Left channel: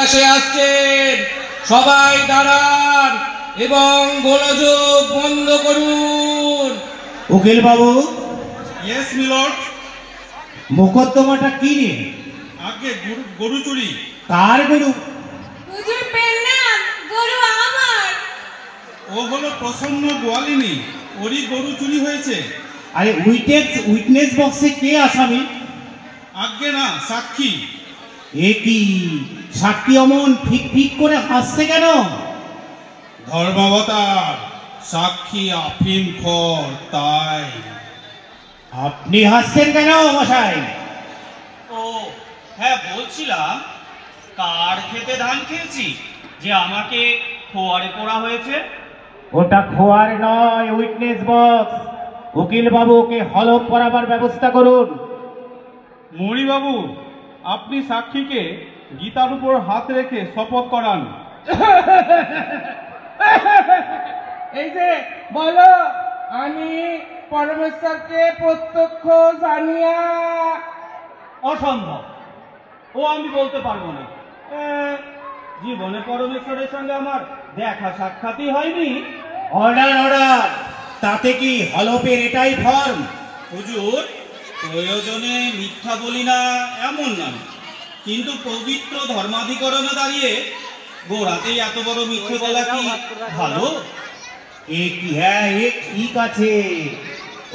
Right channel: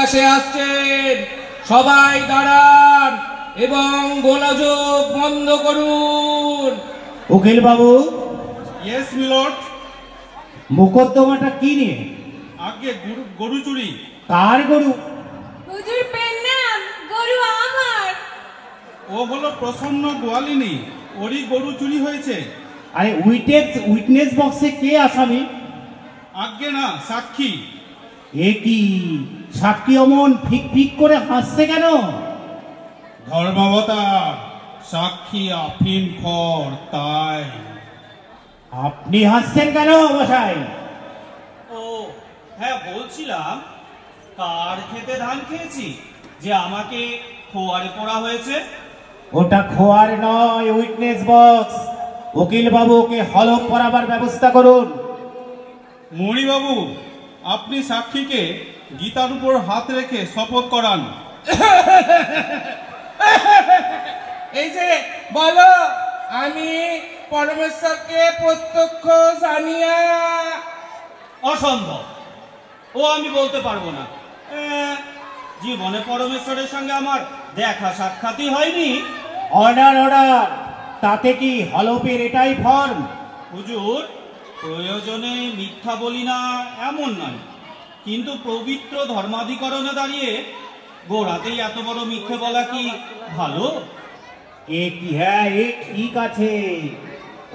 আসছেন, সবাই দাঁড়ান এবং গোলযোগ বন্ধ করুন। উকিল বাবু। Yes milord. মোকদ্দমাটা কি নিয়ে? আগে গরু চুরি। কার গরু? হুজুর পেন্নাম, গরু আমার। ও হলো প্রসন্ন গোয়ালিনী, ওরই গরু চুরি হয়েছে। আরে উইটনেস বক্সে কে আসামি? আগে না, সাক্ষী। এ কি সাক্ষী অমন ফিক ফিক করে হাসছে কেন? ধর্মাবতার, সাক্ষী আফিম খর, তাই। আপনি হাসছেন কেন মশাই? ও হ্যাঁ, বলছিলাম কার খেতে ধান খেয়েছি যে আমাকে খোয়ারে পড়া হয়েছে? ওটা খোয়ার নয়, উইটনেস বক্স। উকিল বাবু ওকে হলফ করাবার ব্যবস্থা করুন। মণিবাবু, আপনি সাক্ষীকে গীতার উপর হাত রেখে শপথ করান। এই যে বলো, আমি পরমেশ্বরকে প্রত্যক্ষ জানিয়া। অসম্ভব, ও আমি বলতে পারবো না। জীবনে পরমেশ্বরের সঙ্গে আমার দেখা সাক্ষাৎই হয়নি। Order order. তাতে কি হলফের এটাই ফর্ম? হুজুর, প্রয়োজনে মিথ্যা বলি না এমন নয়, কিন্তু পবিত্র ধর্মাধিকরণে দাঁড়িয়ে গোড়াতেই এত বড় মিথ্যে বলা কি ভালো? এ কি? হ্যাঁ, এ ঠিক আছে।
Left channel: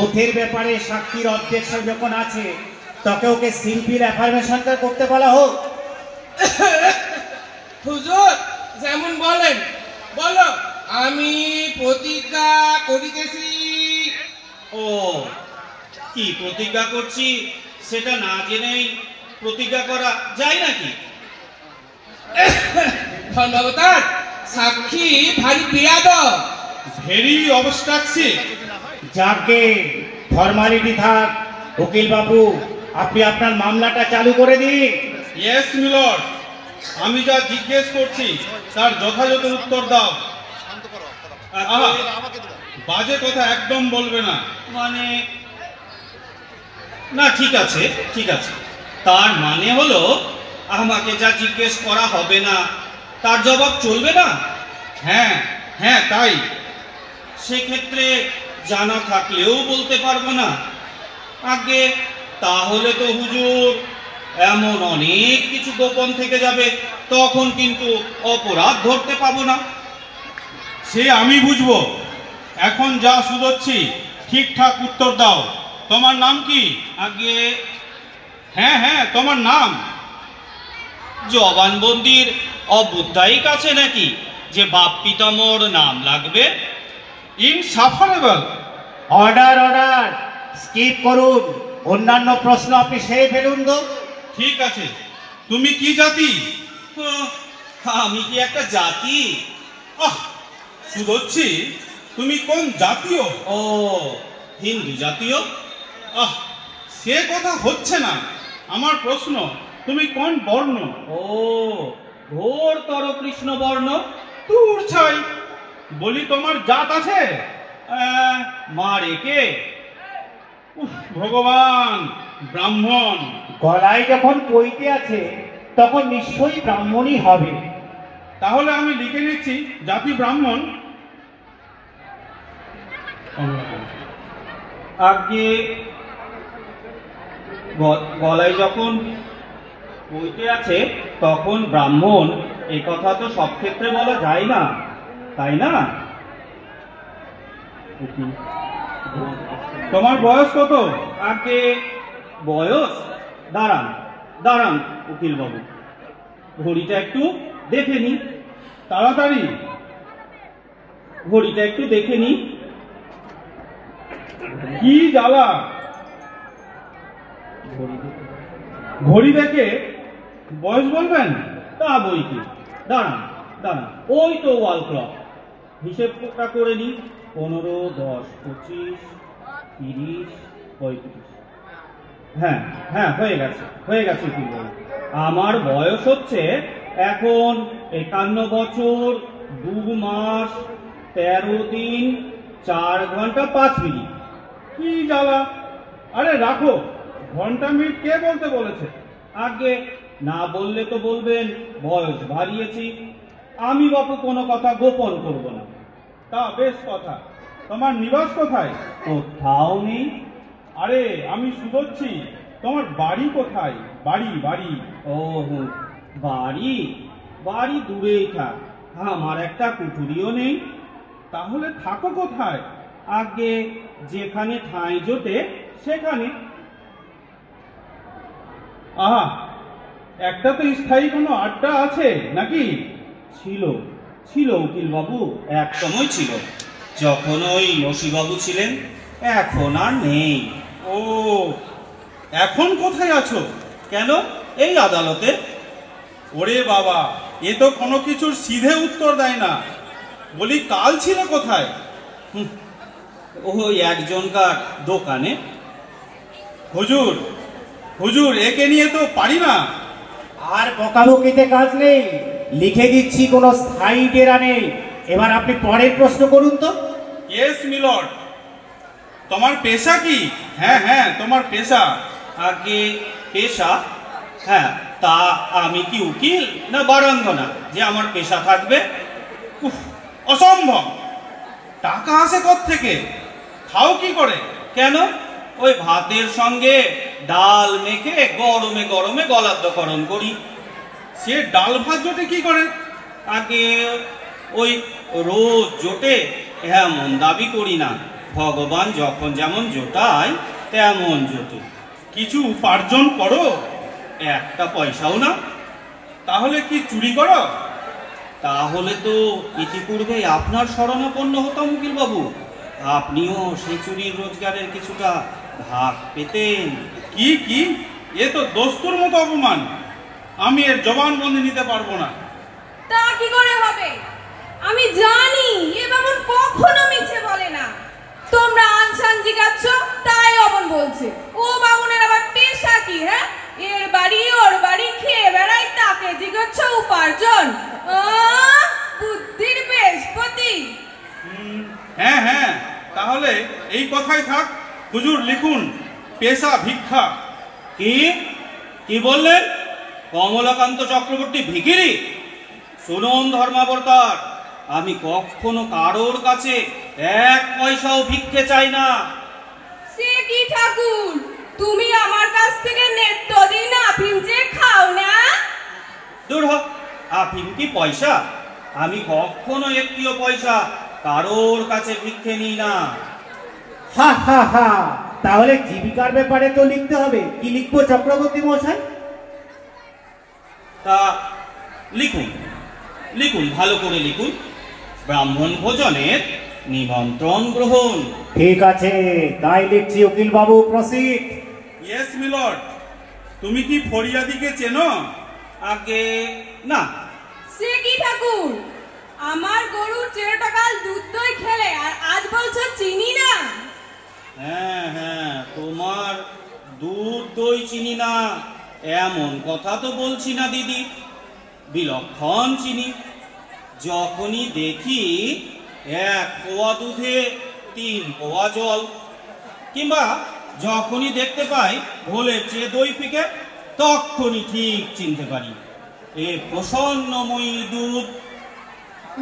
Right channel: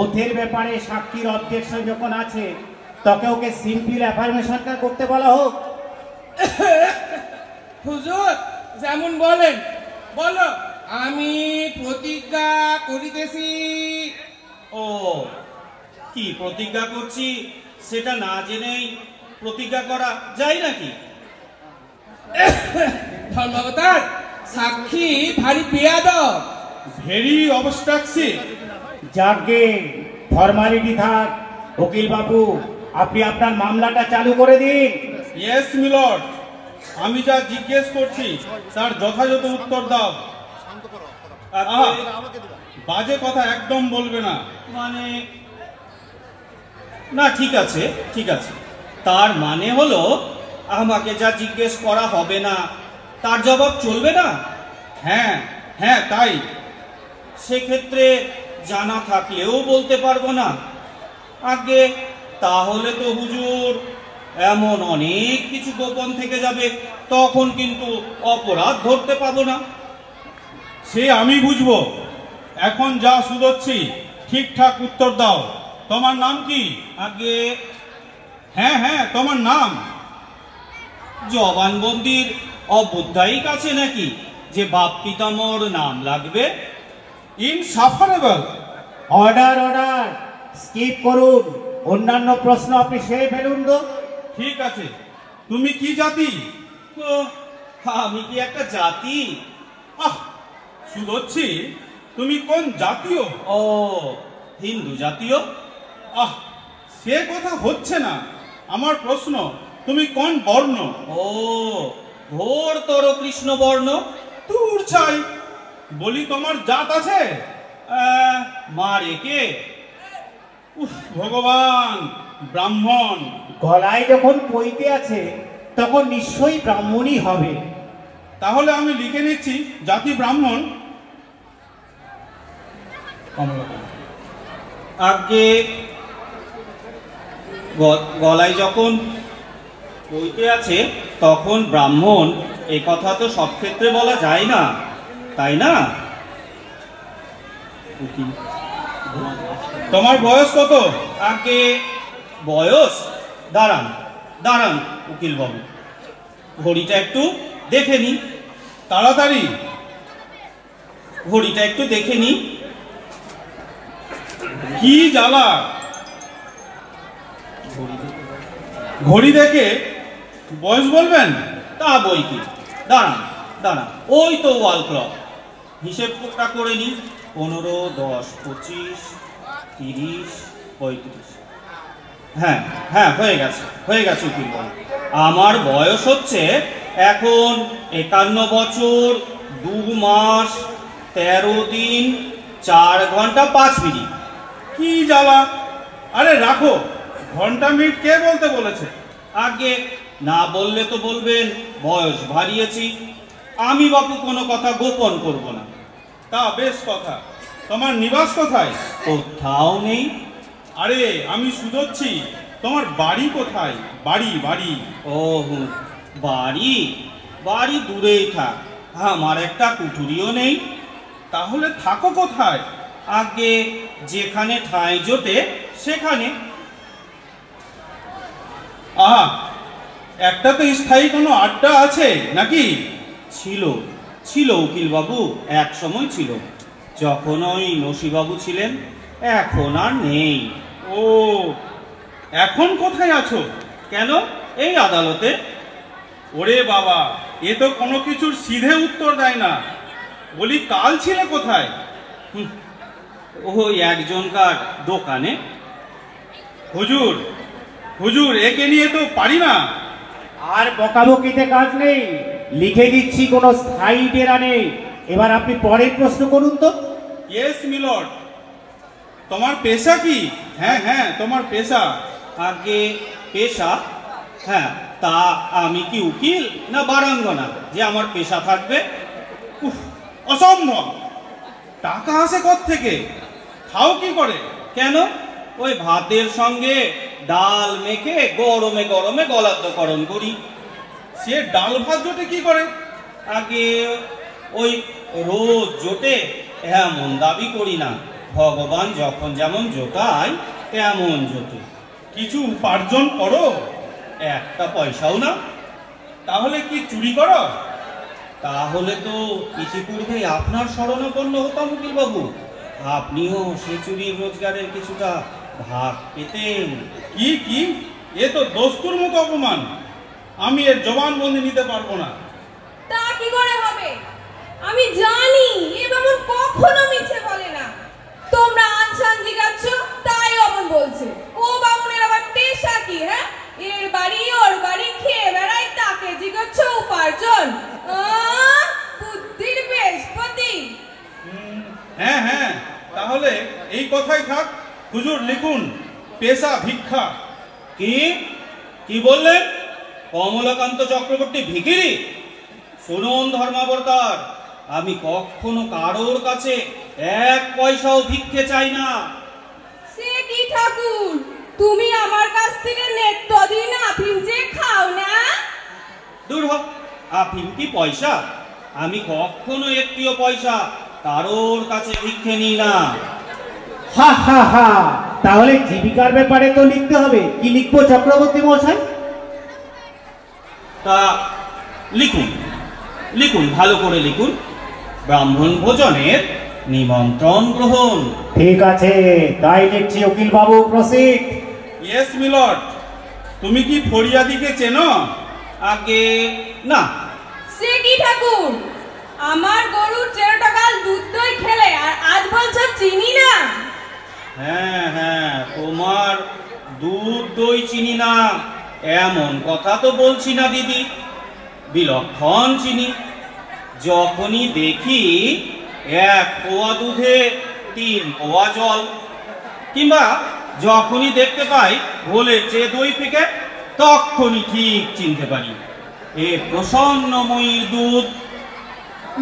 ওথের ব্যাপারে সাক্ষীর অবজেকশন যখন আছে, তোকে ওকে সিম্পল অ্যাফার্মেশনটা করতে বলা হোক। হুজুর যেমন বলেন, বলো। আমি প্রতিজ্ঞা করিতেছি। ও কি প্রতিজ্ঞা করছি সেটা না জেনেই প্রতিজ্ঞা করা যায় নাকি? ধর্মাবতার, সাক্ষী ভারী বেয়াদব। Very obstruction. যাকে ফর্মালিটি থাক। উকিল বাবু, আপনি আপনার মামলাটা চালু করে দিন। ইয়েস মিলর্ড, আমি যা জিজ্ঞেস করছি তার যথাযথ উত্তর দাও। আহা, বাজে কথা একদম বলবে না। মানে না, ঠিক আছে ঠিক আছে। তার মানে হলো আমাকে যা জিজ্ঞেস করা হবে না তার জবাব চলবে না? হ্যাঁ হ্যাঁ, তাই। সেক্ষেত্রে জানা থাকলেও বলতে পারবো না। আগে তাহলে তো হুজুর এমন অনেক কিছু গোপন থেকে যাবে, তখন কিন্তু অপরাধ ধরতে পাবো না। সে আমি বুঝবো। এখন যা শুধোচ্ছি ঠিকঠাক উত্তর দাও। তোমার নাম কি? আগে হ্যাঁ হ্যাঁ, তোমার নাম। জবানবন্দির অবুদ্ধায়িক আছে নাকি যে বাপ পিতামোর নাম লাগবে? ইনসাফারেবল। Order order. স্কিপ করুন। অন্যান্য প্রশ্ন আপনি সেরে ফেলুন তো। ঠিক আছে, তুমি কি জাতি? ও, আমি কি একটা জাতি? আহ, শুধোচ্ছি, তুমি কোন জাতীয়? ও, হিন্দু জাতীয়। আহ, সে কথা হচ্ছে না। আমার প্রশ্ন, তুমি কোন বর্ণ? ও, ঘোরতর কৃষ্ণবর্ণ। দূর ছাই, বলি তোমার জাত আছে? মা রেখে। উফ, ভগবান, ব্রাহ্মণ। গলায় যখন পইতে আছে তখন নিশ্চয়ই ব্রাহ্মণই হবে। তাহলে আমি লিখে নিচ্ছি জাতি ব্রাহ্মণ। আগে গলায় যখন বইতে আছে তখন ব্রাহ্মণ, এই কথা তো সব ক্ষেত্রে বলা যায় না, তাই না? তোমার বয়স কত? আগে বয়স? দাঁড়ান দাঁড়ান উকিল বাবু, ঘড়িটা একটু দেখে নি। তাড়াতাড়ি। ঘড়িটা একটু দেখে নি। কি জ্বালা! ঘড়ি দেখে বয়স বলবেন? তা বই কি, দাঁড়ান দাঁড়ান, ওই তো ওয়াল ক্লক। হিসেবটা করে নি। 15, 10, 25, 30, 35। হ্যাঁ হ্যাঁ, হয়ে গেছে উকিল বাবু। আমার বয়স হচ্ছে এখন 51 বছর 2 মাস 13 দিন 4 ঘন্টা 5 মিনিট। কি জ্বালা! আরে রাখো, ঘন্টা মিনিট কে বলতে বলেছে? আগে না বললে তো বলবেন বয়স বাড়িয়েছি। আমি বাপু কোনো কথা গোপন করব না। তা বেশ কথা। তোমার নিবাস কোথায়? কোথাও নেই। আরে আমি শুধোচ্ছি, তোমার বাড়ি কোথায়? বাড়ি বাড়ি। ও বাড়ি বাড়ি দূরেই থাক, আমার একটা কুঠুরিও নেই। তাহলে থাকো কোথায়? আগে যেখানে ঠাঁই জোটে সেখানে। আহা, একটা তো স্থায়ী কোনো আড্ডা আছে নাকি? ছিল ছিল উকিল বাবু, এক সময় ছিল, যখন ওই নসিবাবু ছিলেন। এখন আর নেই। ও, এখন কোথায় আছো? কেন? এই আদালতে। ওরে বাবা, এ তো কোনো কিছুর সিধে উত্তর দেয় না। বলি, কাল ছিলে কোথায়? ওই একজনকার দোকানে। হুজুর, হুজুর, একে নিয়ে তো পারি না। আর বকাবকিতে কাজ নেই, লিখে দিচ্ছি, কোনো স্থায়ী ডেরা নেই। এবার আপনি পরের প্রশ্ন করুন তো। Yes milord. তোমার পেশা কি? হ্যাঁ হ্যাঁ, তোমার পেশা। আগে পেশা? হ্যাঁ, তা আমি কি উকিল না বারাঙ্গনা যে আমার পেশা থাকবে? উফ, অসম্ভব। টাকা আসে কোত্থেকে? খাও কি করে? কেন? ওই ভাতের সঙ্গে ডাল মেখে গরমে গরমে গলাদ্যকরণ করি। সে ডাল ভাত জোটে কি করে? আগে ওই রোজ জোটে এমন দাবি করি না, ভগবান যখন যেমন জোটায় তেমন জোটে। কিছু উপার্জন করো? একটা পয়সাও না। তাহলে কি চুরি করো? তাহলে তো ইতিপূর্বে আপনার শরণাপন্ন হতাম উকিল বাবু, আপনিও সেই চুরির রোজগারের কিছুটা ভাগ পেতেন। কি কি, এ তো দস্তুর মতো অপমান। আমি এর জবানবন্দি নিতে পারবো না। তা কি করে হবে? আমি জানি এ বামুন কখনো মিছে বলে না। তোমরা আনসান জিজ্ঞাসছ তাই অমন বলছে। ও বামুনের আবার পেশা কি? হ্যাঁ, এর বাড়ি ওর বাড়ি খেয়ে বেড়াই, তাকে জিজ্ঞাসছ উপার্জন? বুদ্ধির বৃহস্পতি। হ্যাঁ হ্যাঁ, তাহলে এই কথাই থাক। হুজুর লিখুন, পেশা ভিক্ষা। কি কি বললেন? কমলাকান্ত চক্রবর্তী ভিখিরি? শুনুন ধর্মাবতার, আমি কখনো কারোর কাছে এক পয়সাও ভিক্ষে চাই না। সে কি ঠাকুর, তুমি আমার কাছ থেকে নিত্যদিন আফিম যে খাও না? দূর হোক, আফিম কি পয়সা? আমি কখনো একটিও পয়সা কারোর কাছে ভিক্ষে নিই না। হা হা হা, তাহলে জীবিকার ব্যাপারে তো লিখতে হবে। কি লিখবো চক্রবর্তী মশাই? তা লিখুন লিখুন, ভালো করে লিখুন। ব্রাহ্মণ ভোজনের নিমন্ত্রণ গ্রহণ। ঠিক আছে, তাই লিখছি উকিল বাবু, প্রসিড। Yes milord. তুমি কি ফরিয়াদিকে চেনো? আগে না। সে কি ঠাকুর, আমার গরুর 13 টাকার দুধ দই খেলে আর আজ বলছো চিনি না? হ্যাঁ হ্যাঁ, তোমার দুধ দই চিনি না এমন কথা তো বলছি না দিদি, বিলক্ষণ চিনি। যখনই দেখি 1 পোয়া দুধে 3 পোয়া জল, কিংবা যখনই দেখতে পাই ঘোলের চেয়ে দই ফিকে, তখনই ঠিক চিনতে পারি এ প্রসন্নময়ীর দুধ।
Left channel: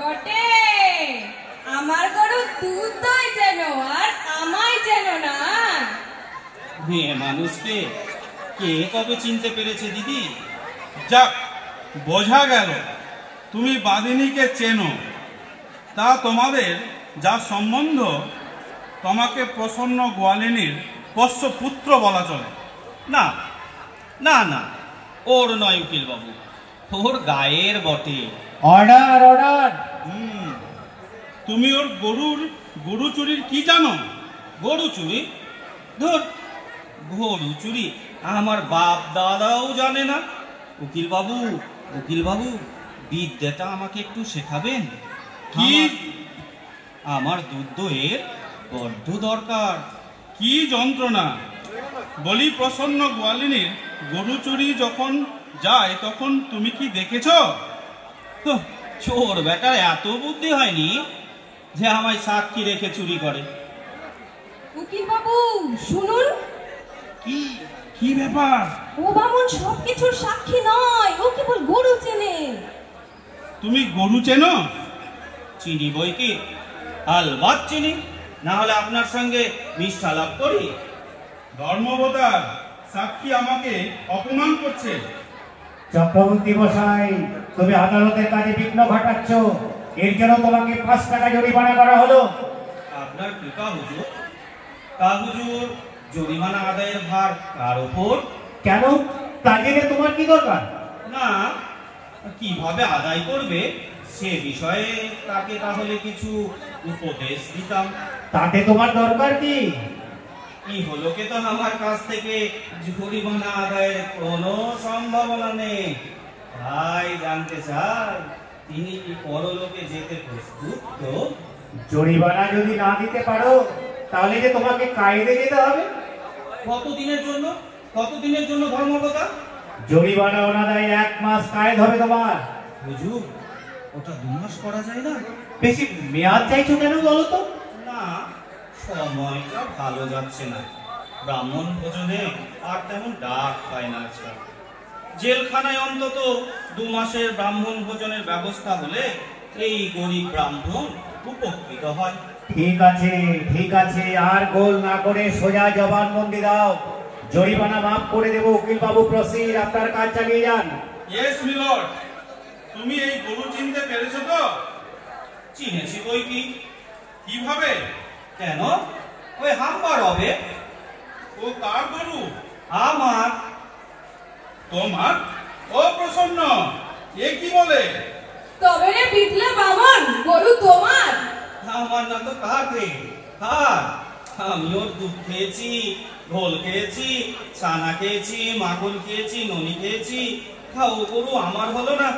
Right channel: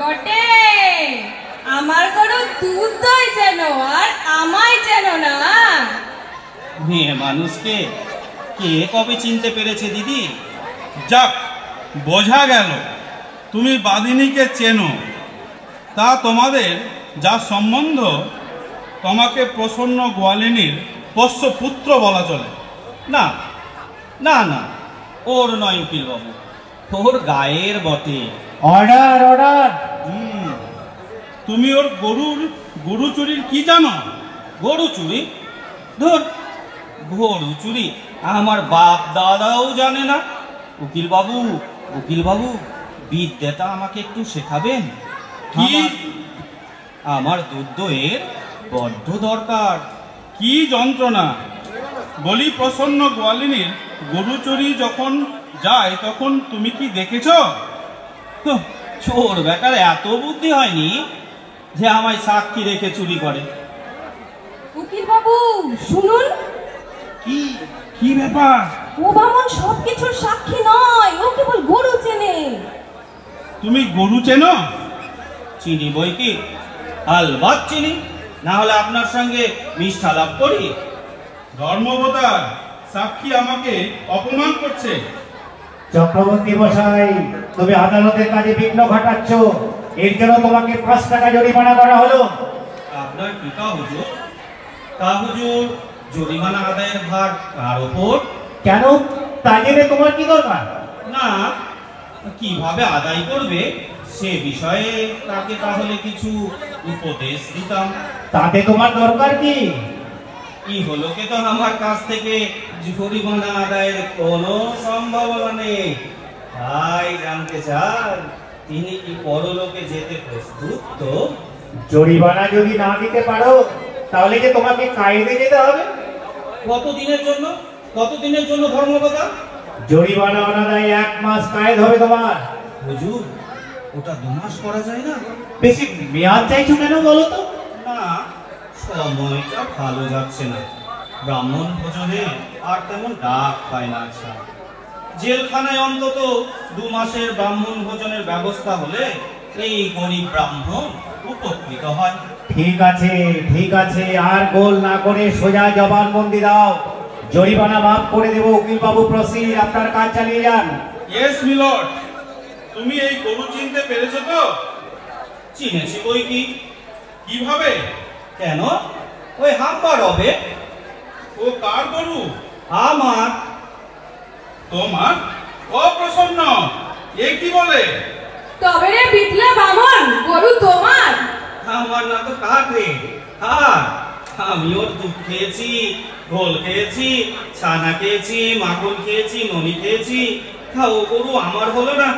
বটে, আমার গরুর দুধ দই যেন আর আমায় যেন না। মেয়ে মানুষকে কে কবে চিনতে পেরেছে দিদি? যাক, বোঝা গেল তুমি বাদিনীকে চেনো। তা তোমাদের যা সম্বন্ধ, তোমাকে প্রসন্ন গোয়ালিনীর পোষ্য পুত্র বলা চলে। না না না, ওর নয় উকিল বাবু, ওর গায়ের বটে। Order order. তুমি ওর গরু চুরির কি জানো? গরু চুরি? ধর, গরু চুরি আমার বাপ দাদাও জানে না। উকিল বাবু, উকিল বাবু, বিদ্যাটা আমাকে একটু শেখাবেন? কি? আমার দুধ দইয়ের বড্ড দরকার। কি যন্ত্রণা! বলি, প্রসন্ন গোয়ালিনীর গরু চুরি যখন যায় তখন তুমি কি দেখেছ? চোর বেটার এত বুদ্ধি হয়নি যে আমায় সাক্ষী রেখে চুরি করে। উকিল বাবু শুনুন। কি কি ব্যাপার? ও বামুন সবকিছুর সাক্ষী নয়, ও কেবল গরু চেনে। তুমি গরু চেনো? চিনি বই কি, আলবাত চিনি, না হলে আপনার সঙ্গে মিষ্টালাপ করি? ধর্মবতার সাক্ষী আমাকে অপমান করছে। চক্রবর্তী মশাই, তুমি আদালতের কাজে বিঘ্ন ঘটাচ্ছ, এর জন্য তোমাকে 5 টাকা জরিমানা করা হলো। আপনার পিতা হুজুর, তা হুজুর জরিমানা আদায়ের ভার কার ওপর? কেন, তা জেনে তোমার কি দরকার? না, কিভাবে আদায় করবে সে বিষয়ে তাকে তাহলে কিছু উপদেশ দিতাম। তাতে তোমার দরকার কি? ইহলোকে তো আমার কাছ থেকে জরিমানা আদায়ের কোনো সম্ভাবনা নেই। ভাই জানতে চান তিনি কি পরলোকে যেতে প্রস্তুত? তো জরিমানা যদি না দিতে পারো তাহলে যে তোমাকে কায়েদে যেতে হবে। কতদিনের জন্য? কতদিনের জন্য ধর্মবতা? জরিমানা অনাদায় 1 মাস কায়েদ হবে তোমার। হুজুর, ওটা 2 মাস করা যায় না? বেশি মেয়াদ চাইছো কেন বলো তো? না, সময়টা ভালো যাচ্ছে না। ব্রাহ্মণ ভোজনে আর তেমন ডাক পায় না। আচ্ছা, জেলখানায় অন্তত 2 মাসের ব্রাহ্মণ ভোজনের ব্যবস্থা হলে এই গরিব ব্রাহ্মণ উপকৃত হয়। ঠিক আছে, ঠিক আছে, আর গোল না করে সোজা জবানবন্দি দাও। জরিমানা মাফ করে দেবো। উকিল বাবু প্রসিড, আপনার কাজ চালিয়ে যান। Yes milord. তুমি এই গরু চিনতে পেরেছো তো? চিনেছি বই কি। কিভাবে? কেন, ওই হাম্বার হবে। ও কার গরু? আমার। তোমার? অপ্রসন্ন, এ কি বলে? তবে রে বিটলা বামন, গরু তোমার? আমার না তো কার রে? হ্যাঁ, আমি ওর দুধ খেয়েছি, গোল খেয়েছি, ছানা খেয়েছি, মাখন খেয়েছি, ননি খেয়েছি। ও গরু আমার হলো না?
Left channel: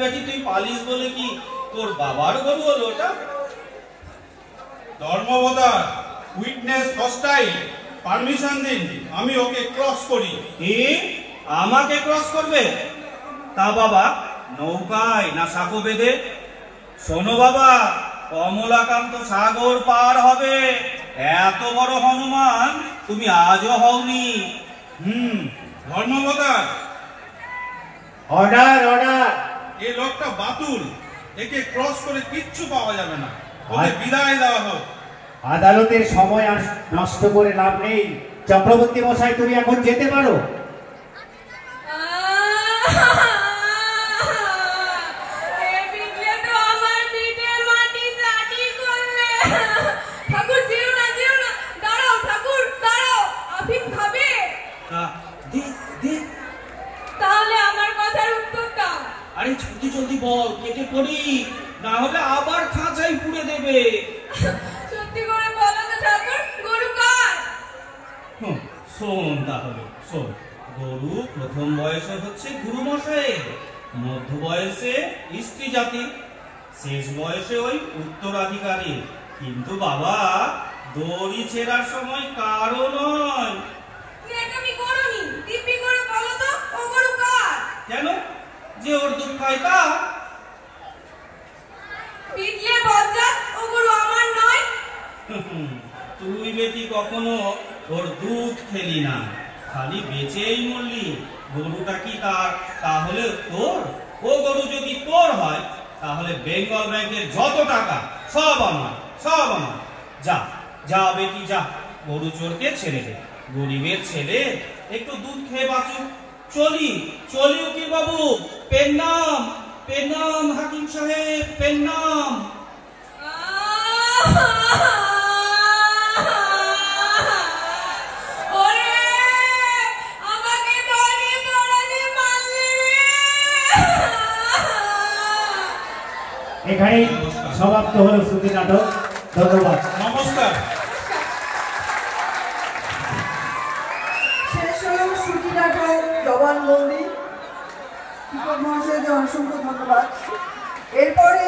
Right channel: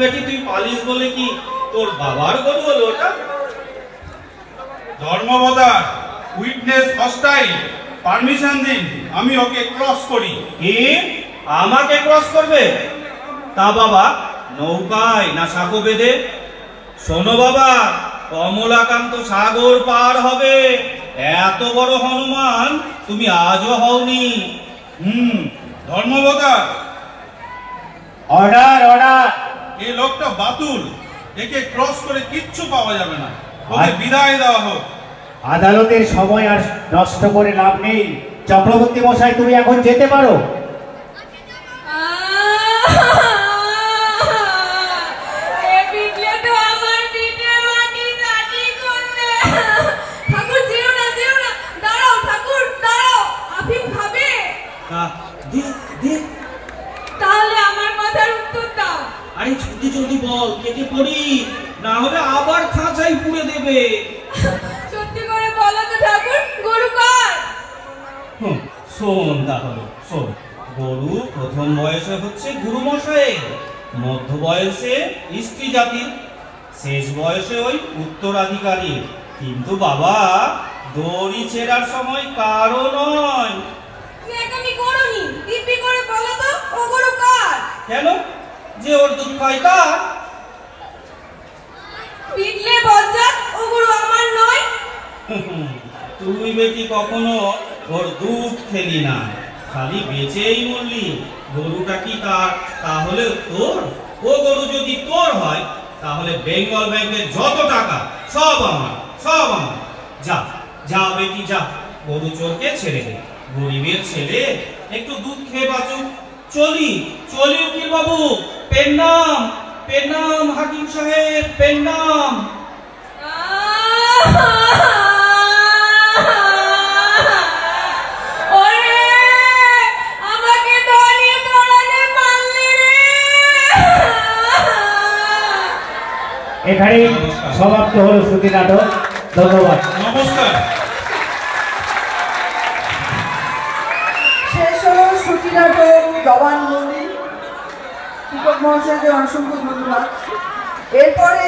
বেটি তুই পালিস বলে কি তোর বাবার গরু হলো ওটা? ধর্মবতার, উইটনেস হস্টাইল, পারমিশন দিন, আমি ওকে ক্রস করি। কি, আমাকে ক্রস করবে? তা বাবা, নৌকায় না সাঁকো বেঁধে? শোনো বাবা, কমলাকান্ত সাগর পার হবে, এত বড় হনুমান তুমি আজও হওনি। ধর্মবতার, অর্ডার, অর্ডার। এই লোকটা বাতুল, একে ক্রস করে কিচ্ছু পাওয়া যাবে না। ওকে বিদায় দেওয়া হোক। আদালতের সময় আর নষ্ট করে লাভ নেই। চক্রবর্তী মশাই, তুমি এখন যেতে পারো। এ বিটলে তো আমার পিঠে মাটি চাটি করবে। ঠাকুর যেও না, যেও না, দাঁড়াও ঠাকুর, দাঁড়াও। আফিম খাবে? দি দি, তাহলে আমার কথার উত্তর দাও। আরে জলদি জলদি বল, কেটে পড়ি, না হলে আবার খাঁচাই পুড়ে দেবে। সত্যি করে বলো তো ঠাকুর, গরু কার? শোন তাহলে, শোন। গরু প্রথম বয়সে হচ্ছে গুরু মশাইয়ের, মধ্য বয়সে স্ত্রী জাতির, শেষ বয়সে ওই উত্তরাধিকারী। কিন্তু বাবা, দড়ি ছেঁড়ার সময় কারো নয়। তুমি করোনি, দিব্যি করে বলো তো, ও গরু কার? কেন, যে ওর দুধ খায় তা? বিটলে বজ্জাত, ও গরু আমার নয়। তুই বেটি কখনো ওর দুধ খেলি না, খালি বেচেই মরলি। গরুটা কি তার তাহলে তোর? ও গরু যদি তোর হয় তাহলে বেঙ্গল ব্যাংকের যত টাকা সব আমার, সব আমার। যা যা বেটি যা, গরু চোরকে ছেড়ে দে। গরিবের ছেলে একটু দুধ খেয়ে বাঁচুক। চলি চলি উকিল বাবু, পেন নাম, পেন নাম, হাকিম সাহেব, পেন নাম। এখানে সমাপ্ত হলো শ্রুতি নাটক। ধন্যবাদ। নমস্কার। শেষ হলো শ্রুতি নাটক জবানবন্দি। শিক্ষক মহাশয়কে অসংখ্য ধন্যবাদ। এরপরে